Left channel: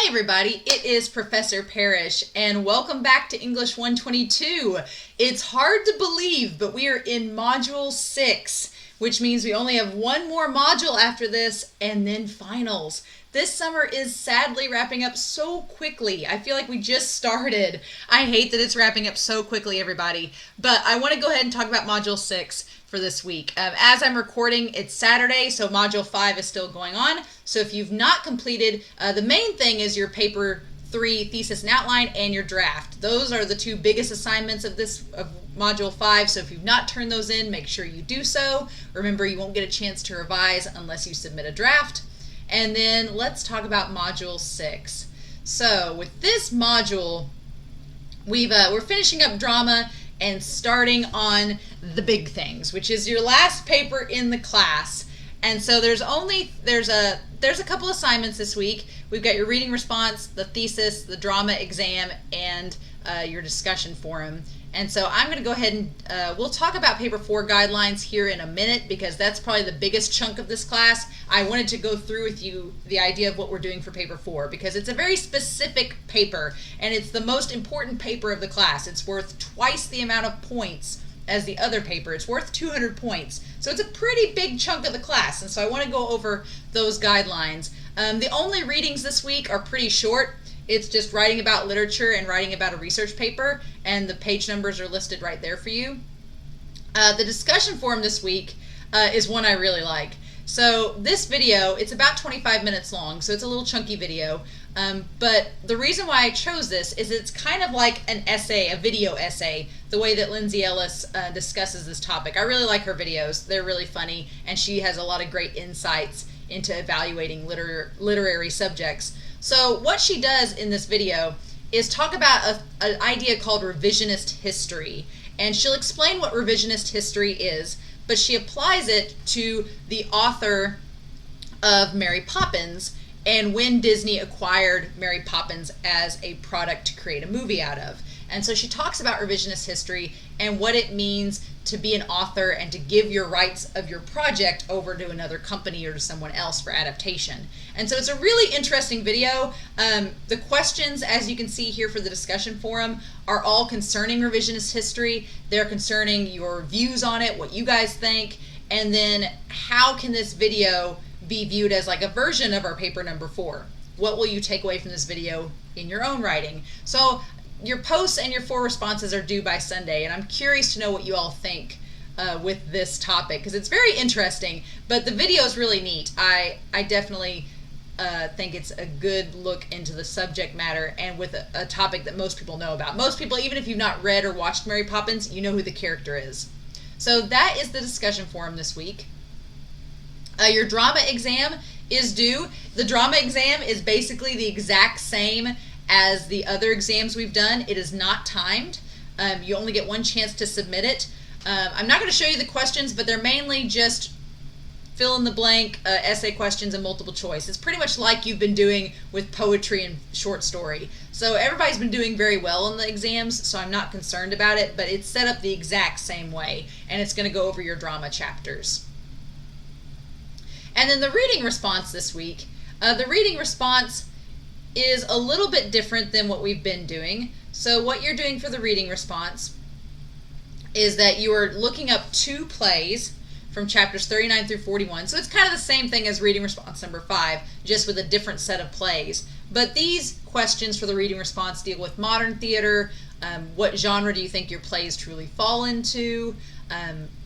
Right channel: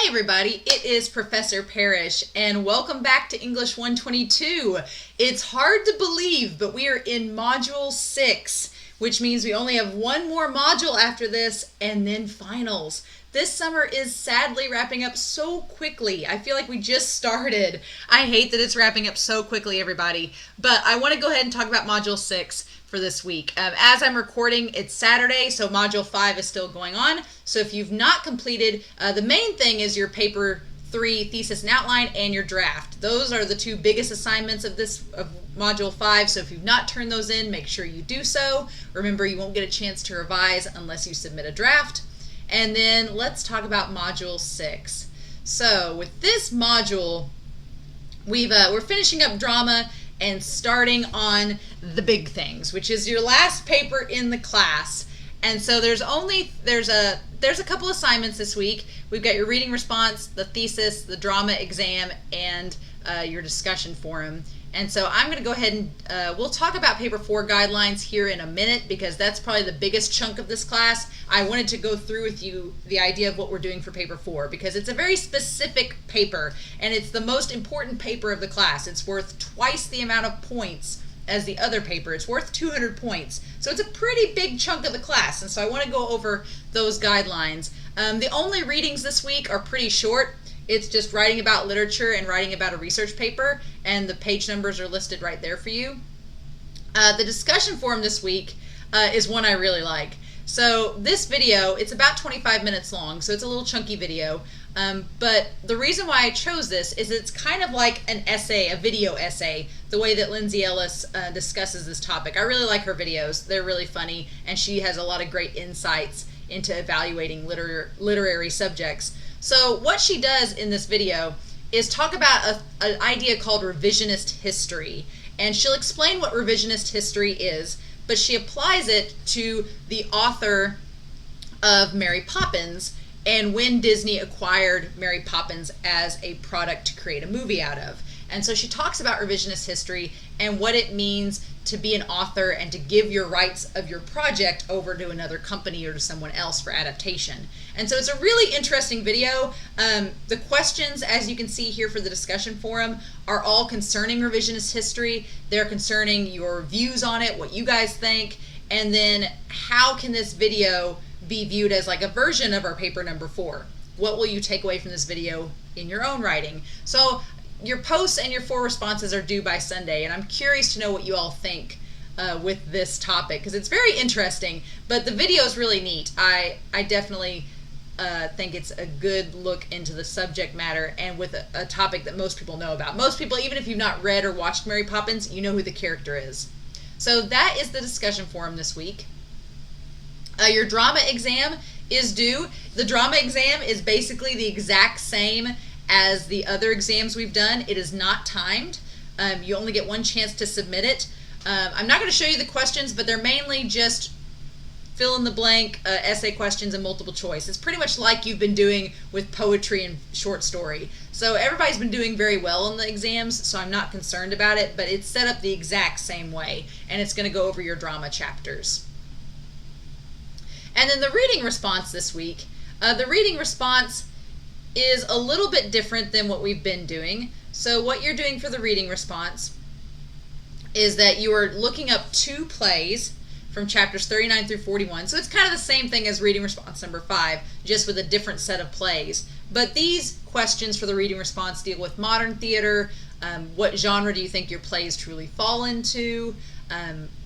Hey everybody, it is Professor Parish and welcome back to English 122. It's hard to believe, but we are in Module 6, which means we only have one more module after this and then finals. This summer is sadly wrapping up so quickly. I feel like we just started. I hate that it's wrapping up so quickly, everybody. But I want to go ahead and talk about Module 6 for this week. As I'm recording, it's Saturday, so Module 5 is still going on. So if you've not completed, the main thing is your Paper 3 thesis and outline and your draft. Those are the two biggest assignments of Module 5, so if you've not turned those in, make sure you do so. Remember, you won't get a chance to revise unless you submit a draft. And then let's talk about Module 6. So with this module, we're finishing up drama and starting on the big things, which is your last paper in the class. And so there's a couple assignments this week. We've got your reading response, the thesis, the drama exam, and your discussion forum. And so I'm going to go ahead and we'll talk about Paper 4 guidelines here in a minute because that's probably the biggest chunk of this class. I wanted to go through with you the idea of what we're doing for Paper 4 because it's a very specific paper and it's the most important paper of the class. It's worth twice the amount of points as the other paper. It's worth 200 points. So it's a pretty big chunk of the class, and so I want to go over those guidelines. The only readings this week are pretty short. It's just writing about literature and writing about a research paper, and the page numbers are listed right there for you. The discussion forum this week is one I really like. So this video, it's about 25 minutes long, so it's a little chunky video. But the reason why I chose this is it's kind of like an essay, a video essay, the way that Lindsay Ellis discusses this topic. I really like her videos. They're really funny, and she has a lot of great insights into evaluating literary subjects. So what she does in this video is talk about an idea called revisionist history. And she'll explain what revisionist history is, but she applies it to the author of Mary Poppins and when Disney acquired Mary Poppins as a product to create a movie out of. And so she talks about revisionist history and what it means to be an author and to give your rights of your project over to another company or to someone else for adaptation. And so it's a really interesting video. The questions, as you can see here for the discussion forum, are all concerning revisionist history. They're concerning your views on it, what you guys think, and then how can this video be viewed as like a version of our paper number 4? What will you take away from this video in your own writing? So your posts and your 4 responses are due by Sunday, and I'm curious to know what you all think with this topic because it's very interesting, but the video is really neat. I definitely think it's a good look into the subject matter and with a topic that most people know about. Most people, even if you've not read or watched Mary Poppins, you know who the character is. So that is the discussion forum this week. Your drama exam is due. The drama exam is basically the exact same as the other exams we've done. It is not timed. You only get one chance to submit it. I'm not going to show you the questions, but they're mainly just fill in the blank essay questions and multiple choice. It's pretty much like you've been doing with poetry and short story. So everybody's been doing very well on the exams, so I'm not concerned about it, but it's set up the exact same way, and it's going to go over your drama chapters. And then the reading response this week. The reading response is a little bit different than what we've been doing. So what you're doing for the reading response is that you are looking up 2 plays from chapters 39 through 41. So it's kind of the same thing as reading response number 5, just with a different set of plays. But these questions for the reading response deal with modern theater. What genre do you think your plays truly fall into?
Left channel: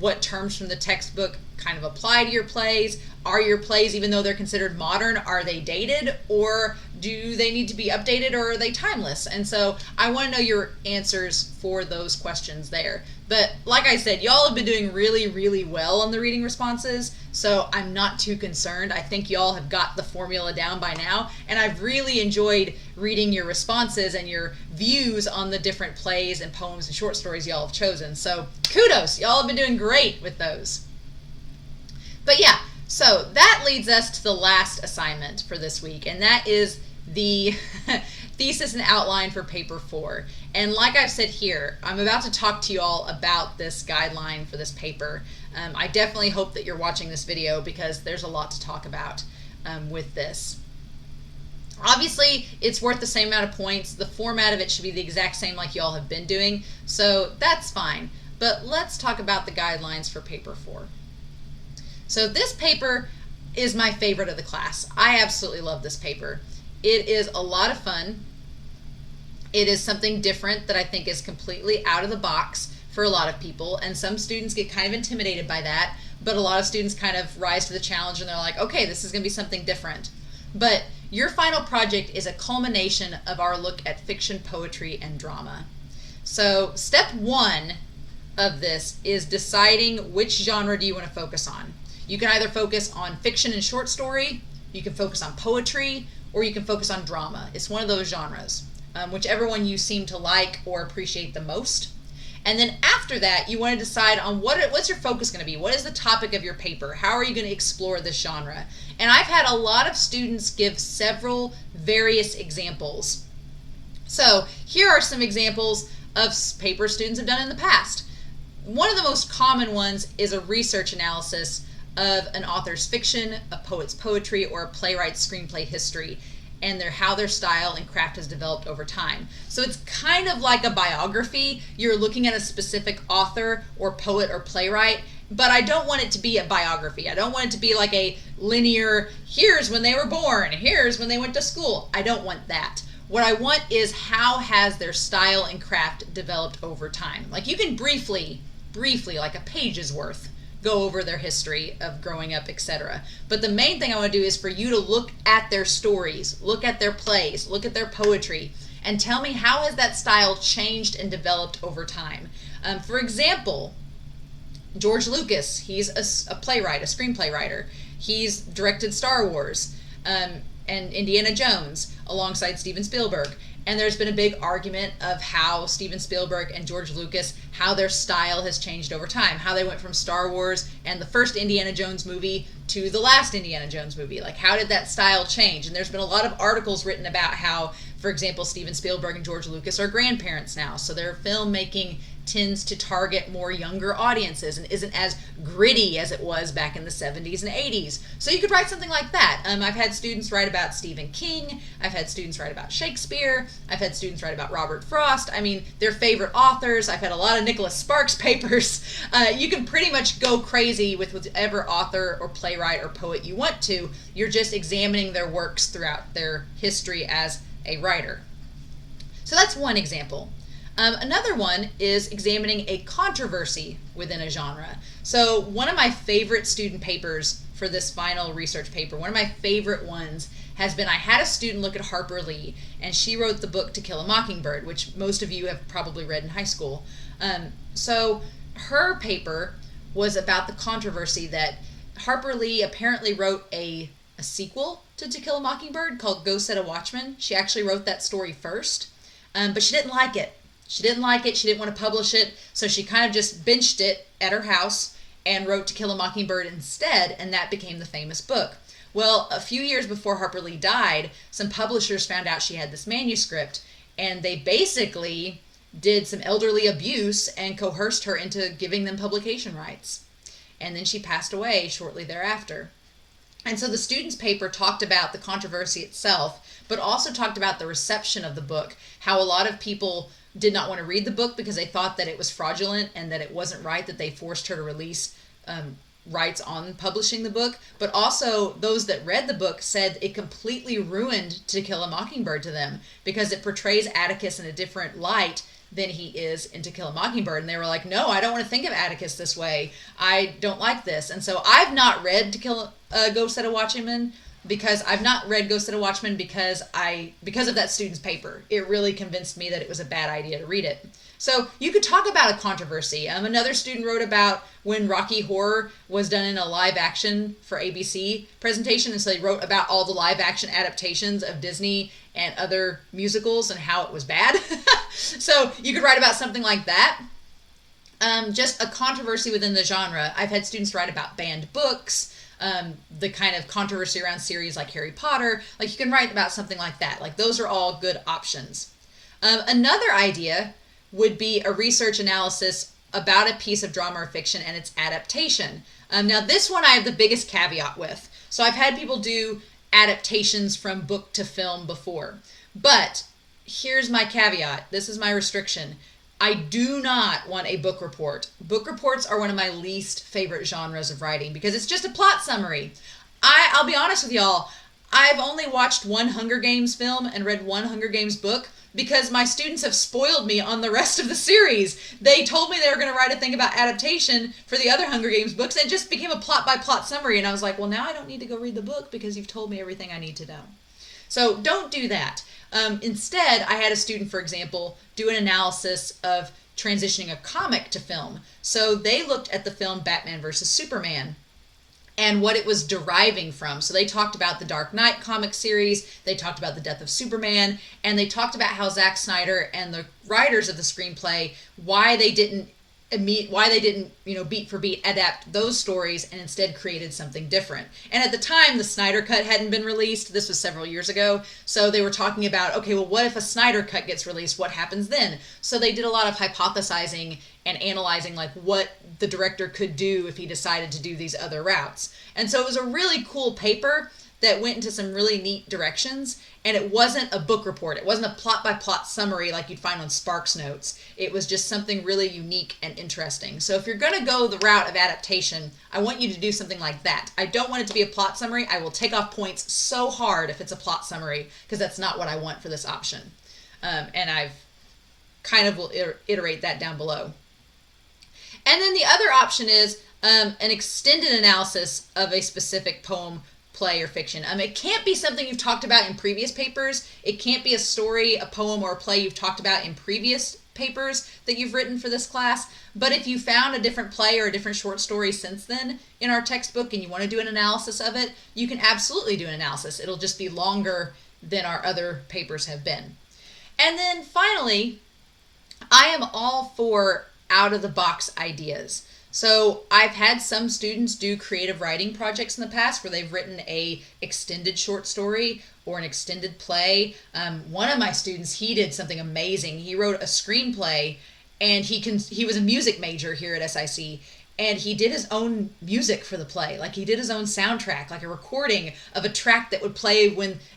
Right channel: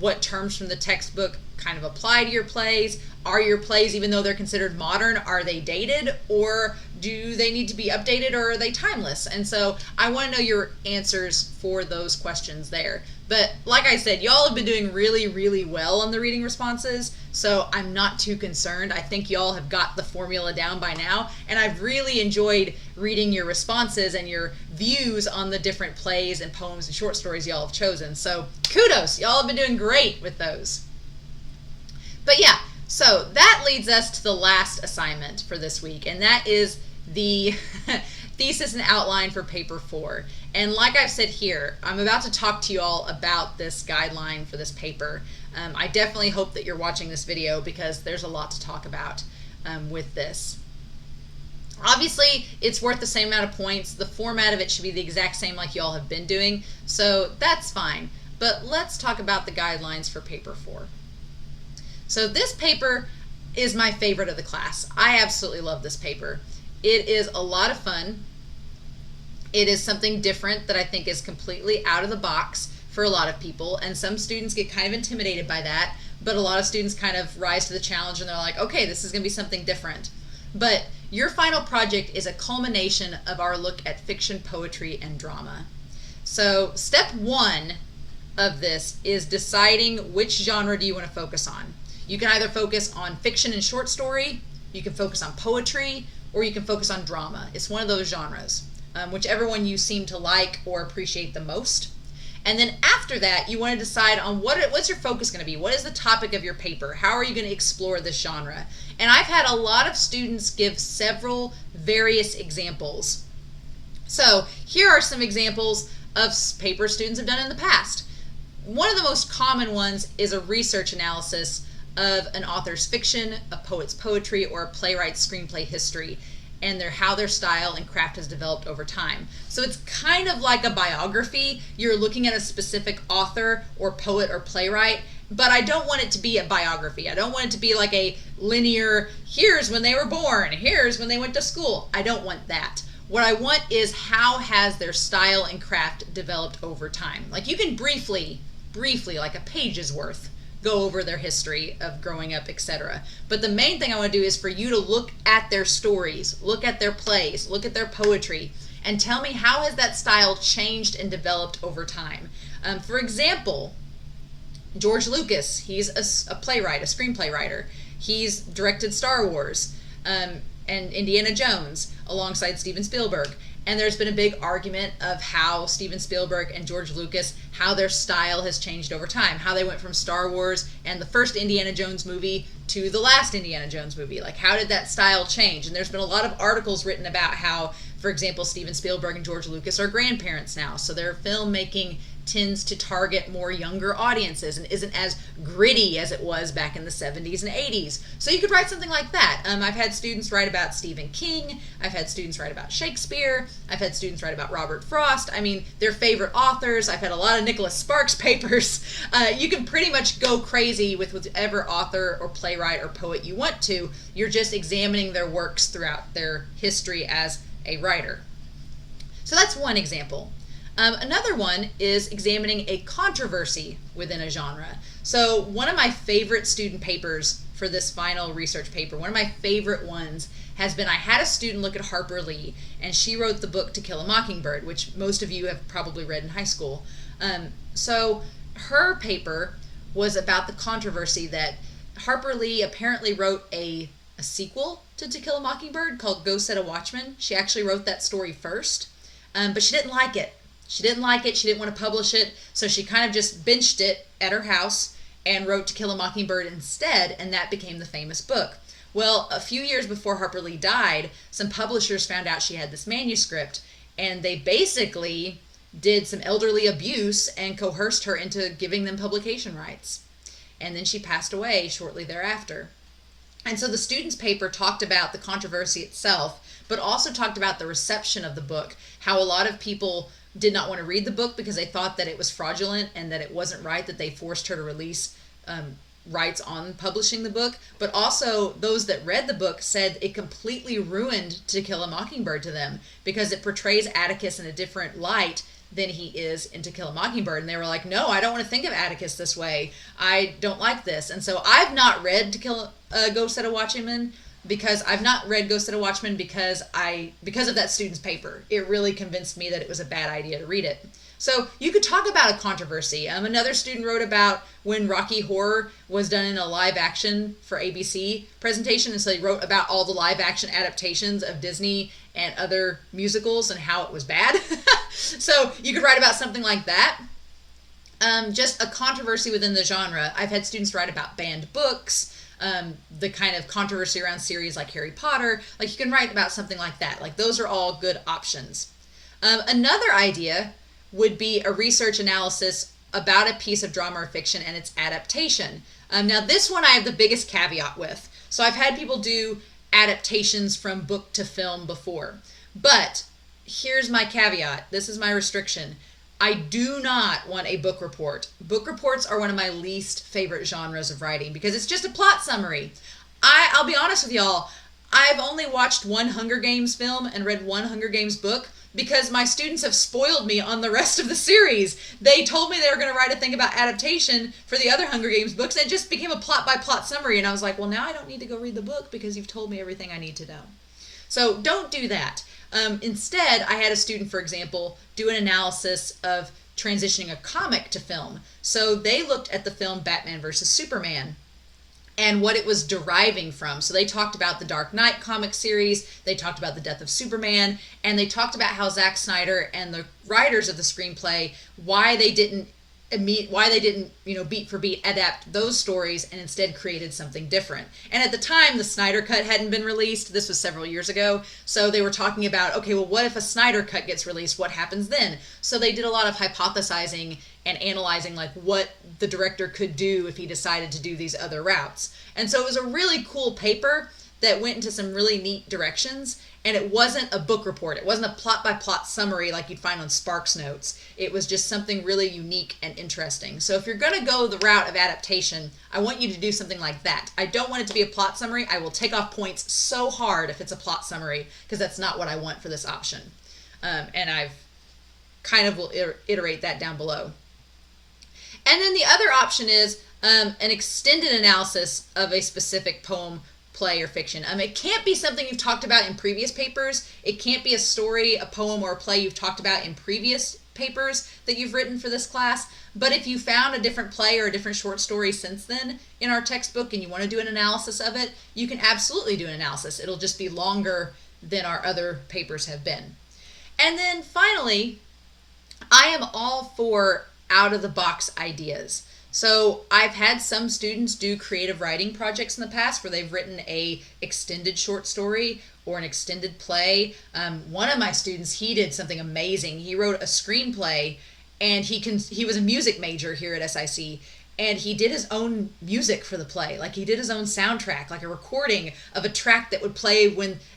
What terms from the textbook kind of apply to your plays? Are your plays, even though they're considered modern, are they dated, or do they need to be updated, or are they timeless? And so I want to know your answers for those questions there. But like I said, y'all have been doing really, really well on the reading responses, so I'm not too concerned. I think y'all have got the formula down by now, and I've really enjoyed reading your responses and your views on the different plays and poems and short stories y'all have chosen. So kudos, y'all have been doing great with those. But yeah, so that leads us to the last assignment for this week, and that is the thesis and outline for paper 4. And like I've said here, I'm about to talk to you all about this guideline for this paper. I definitely hope that you're watching this video because there's a lot to talk about with this. Obviously, it's worth the same amount of points. The format of it should be the exact same like y'all have been doing, so that's fine. But let's talk about the guidelines for paper 4. So this paper is my favorite of the class. I absolutely love this paper. It is a lot of fun. It is something different that I think is completely out of the box for a lot of people, and some students get kind of intimidated by that, but a lot of students kind of rise to the challenge and they're like, okay, this is going to be something different. But your final project is a culmination of our look at fiction, poetry, and drama. So step 1 of this is deciding which genre do you want to focus on. You can either focus on fiction and short story, you can focus on poetry, or you can focus on drama. It's one of those genres, whichever one you seem to like or appreciate the most. And then after that, you want to decide on what's your focus going to be? What is the topic of your paper? How are you going to explore this genre? And I've had a lot of students give several various examples. So here are some examples of papers students have done in the past. One of the most common ones is a research analysis of an author's fiction, a poet's poetry, or a playwright's screenplay history, and how their style and craft has developed over time. So it's kind of like a biography. You're looking at a specific author or poet or playwright, but I don't want it to be a biography. I don't want it to be like a linear, here's when they were born, here's when they went to school. I don't want that. What I want is how has their style and craft developed over time. Like you can briefly, like a page's worth, go over their history of growing up, etc. But the main thing I want to do is for you to look at their stories, look at their plays, look at their poetry, and tell me how has that style changed and developed over time. For example, George Lucas, he's a playwright, a screenplay writer. He's directed Star Wars and Indiana Jones alongside Steven Spielberg. And there's been a big argument of how Steven Spielberg and George Lucas, how their style has changed over time, how they went from Star Wars and the first Indiana Jones movie to the last Indiana Jones movie. Like, how did that style change? And there's been a lot of articles written about how, for example, Steven Spielberg and George Lucas are grandparents now, so their filmmaking tends to target more younger audiences and isn't as gritty as it was back in the 70s and 80s. So you could write something like that. I've had students write about Stephen King. I've had students write about Shakespeare. I've had students write about Robert Frost. I mean, their favorite authors. I've had a lot of Nicholas Sparks papers. You can pretty much go crazy with whichever author or playwright or poet you want to. You're just examining their works throughout their history as a writer. So that's one example. Another one is examining a controversy within a genre. So one of my favorite student papers for this final research paper, one of my favorite ones has been, I had a student look at Harper Lee, and she wrote the book To Kill a Mockingbird, which most of you have probably read in high school. So her paper was about the controversy that Harper Lee apparently wrote a sequel to Kill a Mockingbird called Go Set a Watchman. She actually wrote that story first, but she didn't like it. She didn't want to publish it, so she kind of just benched it at her house and wrote To Kill a Mockingbird instead, and that became the famous book. Well, a few years before Harper Lee died, some publishers found out she had this manuscript, and they basically did some elderly abuse and coerced her into giving them publication rights. And then she passed away shortly thereafter. And so the student's paper talked about the controversy itself, but also talked about the reception of the book, how a lot of people did not want to read the book because they thought that it was fraudulent and that it wasn't right that they forced her to release rights on publishing the book. But also those that read the book said it completely ruined To Kill a Mockingbird to them because it portrays Atticus in a different light than he is in To Kill a Mockingbird. And they were like, no, I don't want to think of Atticus this way. I don't like this. And so I've not read Go Set a Watchman, because I've not read Go Set a Watchman because of that student's paper. It really convinced me that it was a bad idea to read it. So you could talk about a controversy. Another student wrote about when Rocky Horror was done in a live action for ABC presentation, and so they wrote about all the live action adaptations of Disney and other musicals and how it was bad. So you could write about something like that. Just a controversy within the genre. I've had students write about banned books, the kind of controversy around series like Harry Potter. Like, you can write about something like that. Like, those are all good options. Another idea would be a research analysis about a piece of drama or fiction and its adaptation. Now this one I have the biggest caveat with. So I've had people do adaptations from book to film before. But here's my caveat. This is my restriction. I do not want a book report. Book reports are one of my least favorite genres of writing because it's just a plot summary. I'll be honest with y'all, I've only watched one Hunger Games film and read one Hunger Games book because my students have spoiled me on the rest of the series. They told me they were going to write a thing about adaptation for the other Hunger Games books, and it just became a plot-by-plot summary, and I was like, well, now I don't need to go read the book because you've told me everything I need to know. So don't do that. Instead, I had a student, for example, do an analysis of transitioning a comic to film. So they looked at the film Batman versus Superman and what it was deriving from. So they talked about the Dark Knight comic series, they talked about the death of Superman, and they talked about how Zack Snyder and the writers of the screenplay, why they didn't beat for beat adapt those stories and instead created something different. And at the time, the Snyder Cut hadn't been released. This was several years ago. So they were talking about, okay, well, what if a Snyder Cut gets released? What happens then? So they did a lot of hypothesizing and analyzing like what the director could do if he decided to do these other routes. And so it was a really cool paper that went into some really neat directions. And it wasn't a book report. It wasn't a plot-by-plot summary like you'd find on Sparks Notes. It was just something really unique and interesting. So if you're going to go the route of adaptation, I want you to do something like that. I don't want it to be a plot summary. I will take off points so hard if it's a plot summary because that's not what I want for this option. And I've kind of will iterate that down below. And then the other option is an extended analysis of a specific poem, play, or fiction. It can't be something you've talked about in previous papers. It can't be a story, a poem, or a play you've talked about in previous papers that you've written for this class. But if you found a different play or a different short story since then in our textbook and you want to do an analysis of it, you can absolutely do an analysis. It'll just be longer than our other papers have been. And then finally, I am all for out-of-the-box ideas. So I've had some students do creative writing projects in the past where they've written a extended short story or an extended play. One of my students, he did something amazing. He wrote a screenplay, and he was a music major here at SIC, and he did his own music for the play. Like he did his own soundtrack, like a recording of a track that would play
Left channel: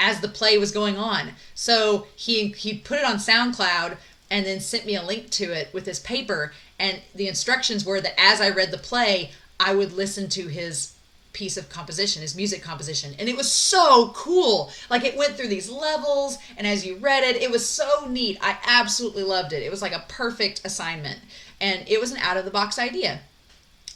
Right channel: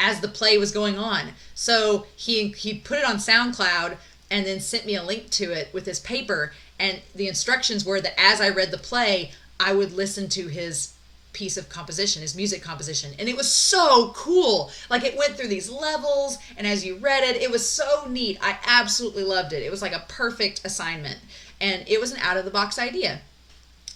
as the play was going on. So he put it on SoundCloud and then sent me a link to it with his paper. And the instructions were that as I read the play, I would listen to his piece of composition, his music composition. And it was so cool. Like it went through these levels, and as you read it, it was so neat. I absolutely loved it. It was like a perfect assignment. And it was an out-of-the-box idea.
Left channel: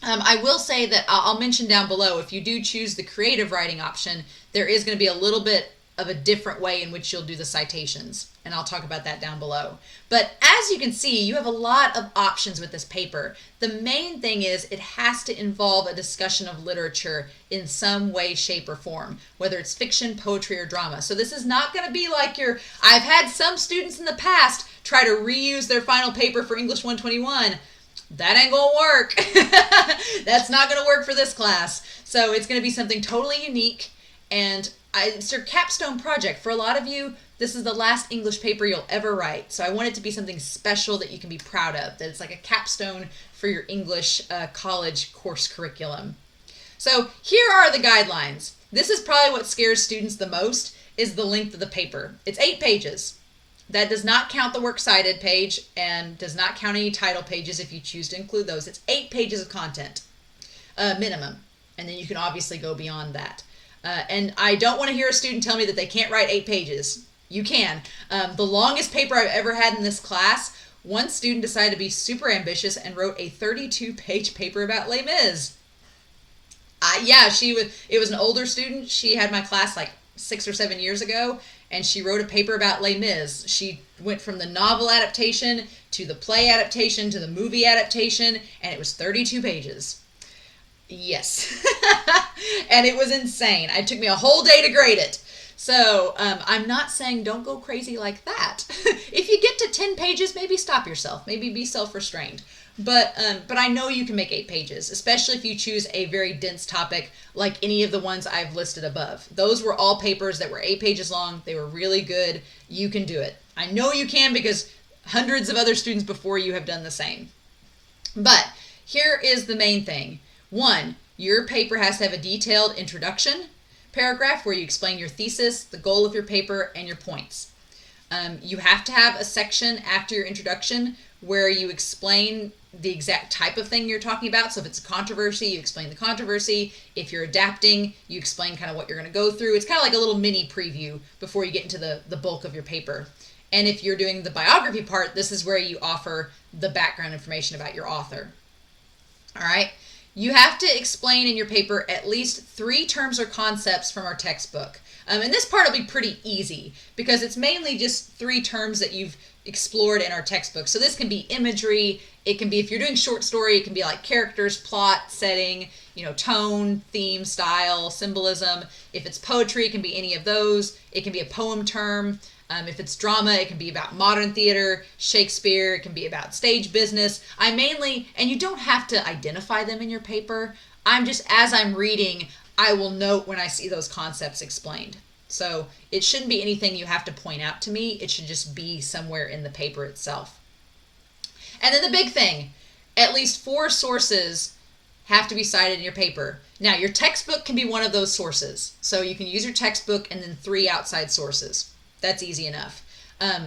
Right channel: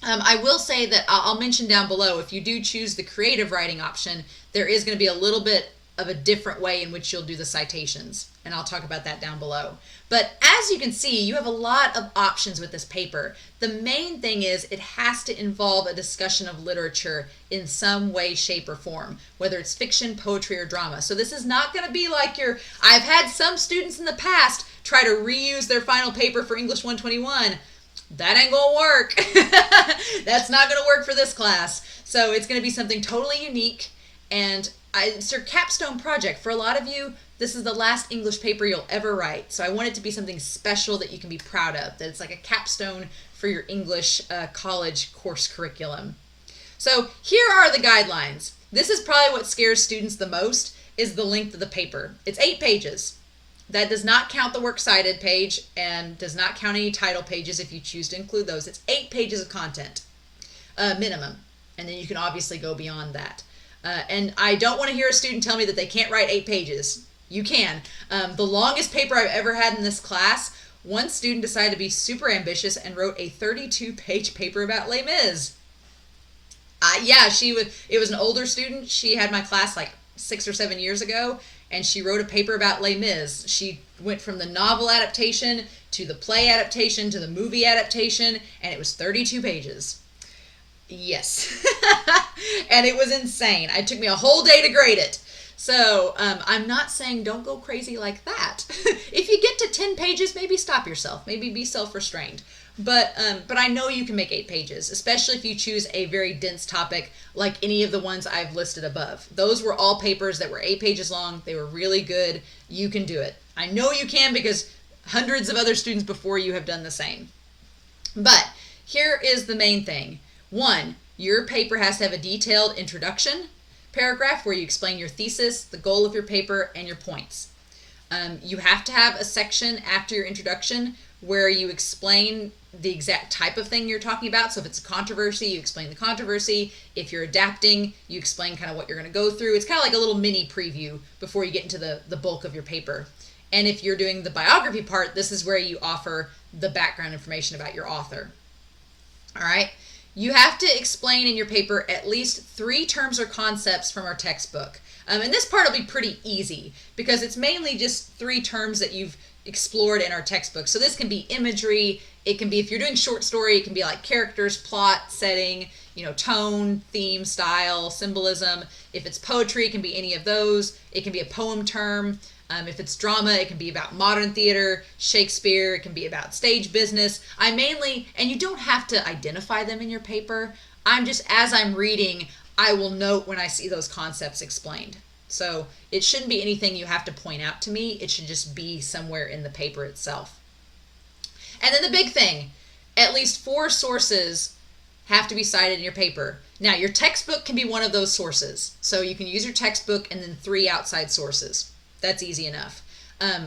I will say that I'll mention down below, if you do choose the creative writing option, there is going to be a little bit of a different way in which you'll do the citations. And I'll talk about that down below. But as you can see, you have a lot of options with this paper. The main thing is it has to involve a discussion of literature in some way, shape, or form, whether it's fiction, poetry, or drama. So this is not going to be like I've had some students in the past try to reuse their final paper for English 121. That ain't going to work. That's not going to work for this class. So it's going to be something totally unique, and it's your capstone project. For a lot of you, this is the last English paper you'll ever write. So I want it to be something special that you can be proud of, that it's like a capstone for your English college course curriculum. So here are the guidelines. This is probably what scares students the most, is the length of the paper. It's 8 pages. That does not count the works cited page and does not count any title pages if you choose to include those. It's 8 pages of content, minimum. And then you can obviously go beyond that. And I don't want to hear a student tell me that they can't write 8 pages. You can. The longest paper I've ever had in this class, one student decided to be super ambitious and wrote a 32-page paper about Les Mis. It was an older student. She had my class like 6 or 7 years ago, and she wrote a paper about Les Mis. She went from the novel adaptation to the play adaptation to the movie adaptation, and it was 32 pages. Yes. And it was insane. It took me a whole day to grade it. So I'm not saying don't go crazy like that. If you get to 10 pages, maybe stop yourself. Maybe be self-restrained. But I know you can make 8 pages, especially if you choose a very dense topic like any of the ones I've listed above. Those were all papers that were 8 pages long. They were really good. You can do it. I know you can because hundreds of other students before you have done the same. But here is the main thing. 1, your paper has to have a detailed introduction. paragraph where you explain your thesis, the goal of your paper, and your points. You have to have a section after your introduction where you explain the exact type of thing you're talking about. So if it's a controversy, you explain the controversy. If you're adapting, you explain kind of what you're going to go through. It's kind of like a little mini preview before you get into the bulk of your paper. And if you're doing the biography part, this is where you offer the background information about your author. All right. You have to explain in your paper at least 3 terms or concepts from our textbook. And this part will be pretty easy because it's mainly just 3 terms that you've explored in our textbook. So this can be imagery. It can be, if you're doing short story, it can be like characters, plot, setting, tone, theme, style, symbolism. If it's poetry, it can be any of those. It can be a poem term. If it's drama, it can be about modern theater, Shakespeare. It can be about stage business. And you don't have to identify them in your paper. As I'm reading, I will note when I see those concepts explained. So it shouldn't be anything you have to point out to me. It should just be somewhere in the paper itself. And then the big thing, at least 4 sources have to be cited in your paper. Now, your textbook can be one of those sources. So you can use your textbook and then 3 outside sources. That's easy enough.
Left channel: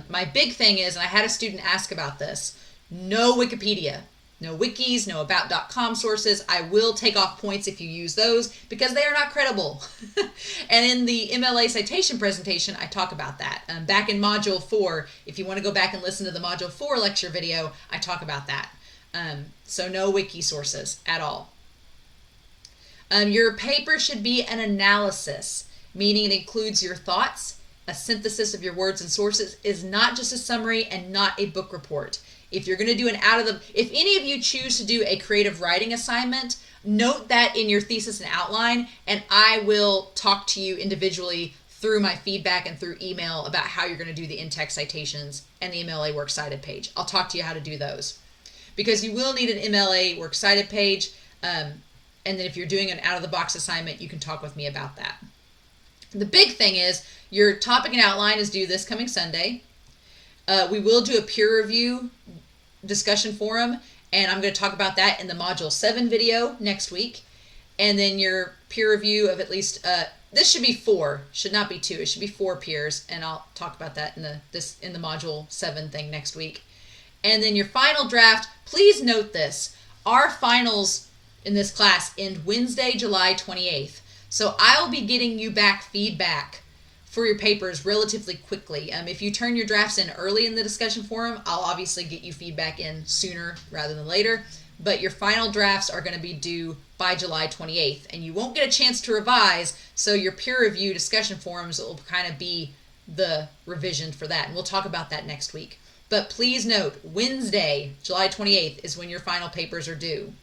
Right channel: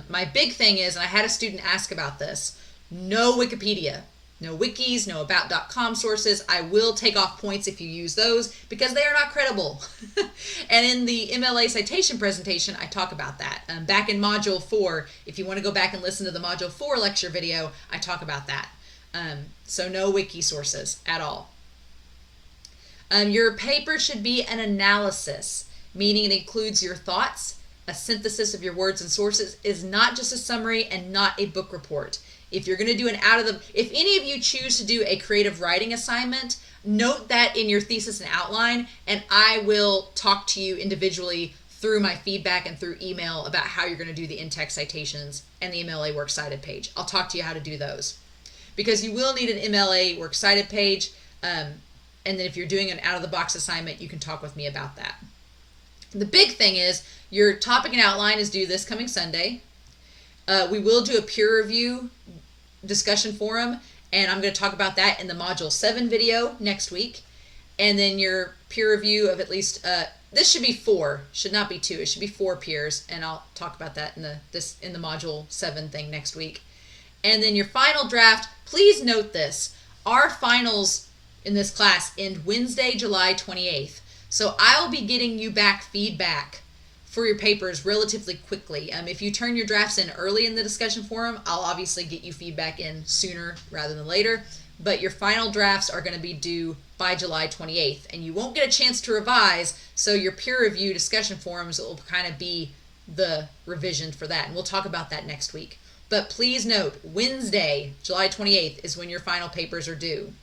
My big thing is, and I had a student ask about this, no Wikipedia. No wikis, no about.com sources. I will take off points if you use those because they are not credible. And in the MLA citation presentation, I talk about that. Back in Module 4, if you want to go back and listen to the Module 4 lecture video, I talk about that. So no wiki sources at all. Your paper should be an analysis, meaning it includes your thoughts. A synthesis of your words and sources is not just a summary and not a book report. If you're going to do if any of you choose to do a creative writing assignment, note that in your thesis and outline, and I will talk to you individually through my feedback and through email about how you're going to do the in-text citations and the MLA Works Cited page. I'll talk to you how to do those because you will need an MLA Works Cited page. And then if you're doing an out-of-the-box assignment, you can talk with me about that. The big thing is your topic and outline is due this coming Sunday. We will do a peer review discussion forum, and I'm going to talk about that in the Module 7 video next week. And then your peer review of at least, this should be 4, should not be 2. It should be 4 peers, and I'll talk about that in the Module 7 thing next week. And then your final draft, please note this. Our finals in this class end Wednesday, July 28th. So I'll be getting you back feedback for your papers relatively quickly. If you turn your drafts in early in the discussion forum, I'll obviously get you feedback in sooner rather than later. But your final drafts are going to be due by July 28th, and you won't get a chance to revise. So your peer review discussion forums will kind of be the revision for that, and we'll talk about that next week. But please note, Wednesday, July 28th is when your final papers are due.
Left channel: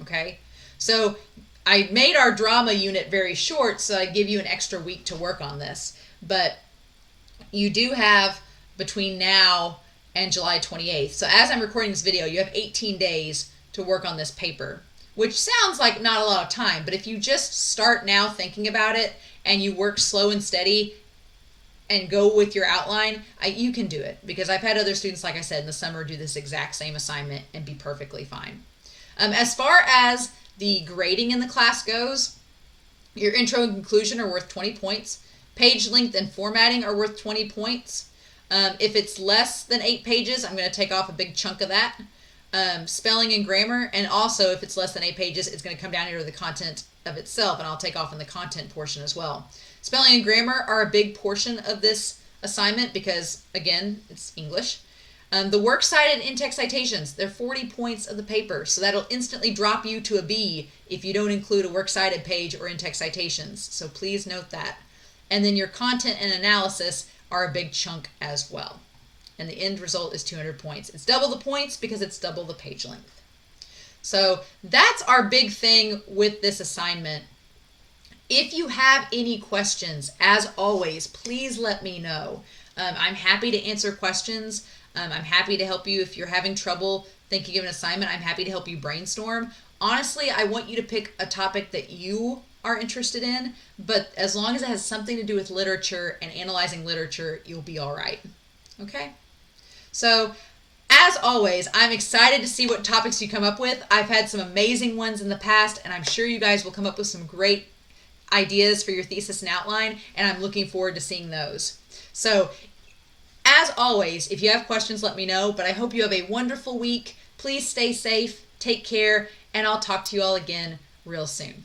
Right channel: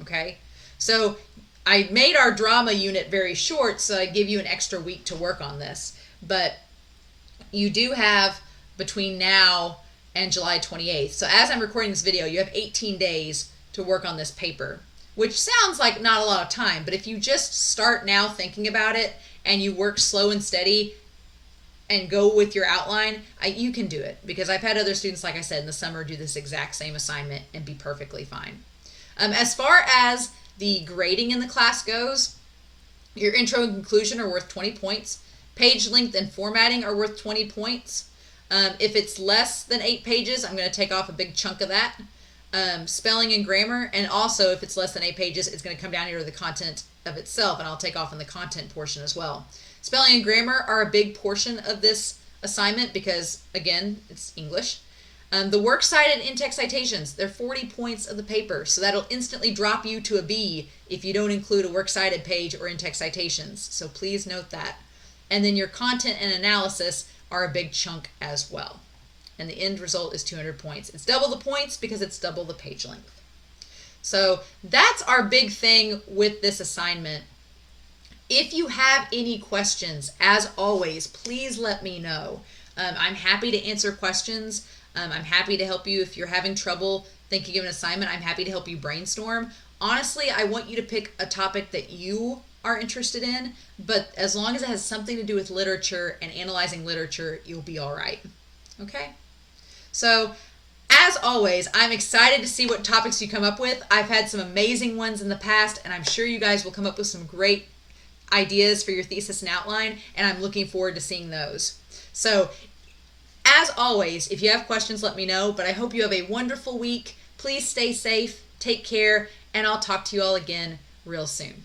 Okay? So I made our drama unit very short, so I give you an extra week to work on this. But you do have between now and July 28th. So as I'm recording this video, you have 18 days to work on this paper, which sounds like not a lot of time. But if you just start now thinking about it and you work slow and steady and go with your outline, you can do it. Because I've had other students, like I said, in the summer do this exact same assignment and be perfectly fine. As far as the grading in the class goes, your intro and conclusion are worth 20 points. Page length and formatting are worth 20 points. If it's less than 8 pages, I'm going to take off a big chunk of that. Spelling and grammar, and also if it's less than 8 pages, it's going to come down here to the content of itself, and I'll take off in the content portion as well. Spelling and grammar are a big portion of this assignment because, again, it's English. The works cited in-text citations, they're 40 points of the paper, so that'll instantly drop you to a B if you don't include a works cited page or in-text citations. So please note that. And then your content and analysis are a big chunk as well. And the end result is 200 points. It's double the points because it's double the page length. So that's our big thing with this assignment. If you have any questions, as always, please let me know. I'm happy to answer questions. I'm happy to help you if you're having trouble thinking of an assignment. I'm happy to help you brainstorm. Honestly, I want you to pick a topic that you are interested in, but as long as it has something to do with literature and analyzing literature, you'll be all right. Okay? So, as always, I'm excited to see what topics you come up with. I've had some amazing ones in the past, and I'm sure you guys will come up with some great ideas for your thesis and outline, and I'm looking forward to seeing those. So, as always, if you have questions, let me know, but I hope you have a wonderful week. Please stay safe, take care, and I'll talk to you all again real soon.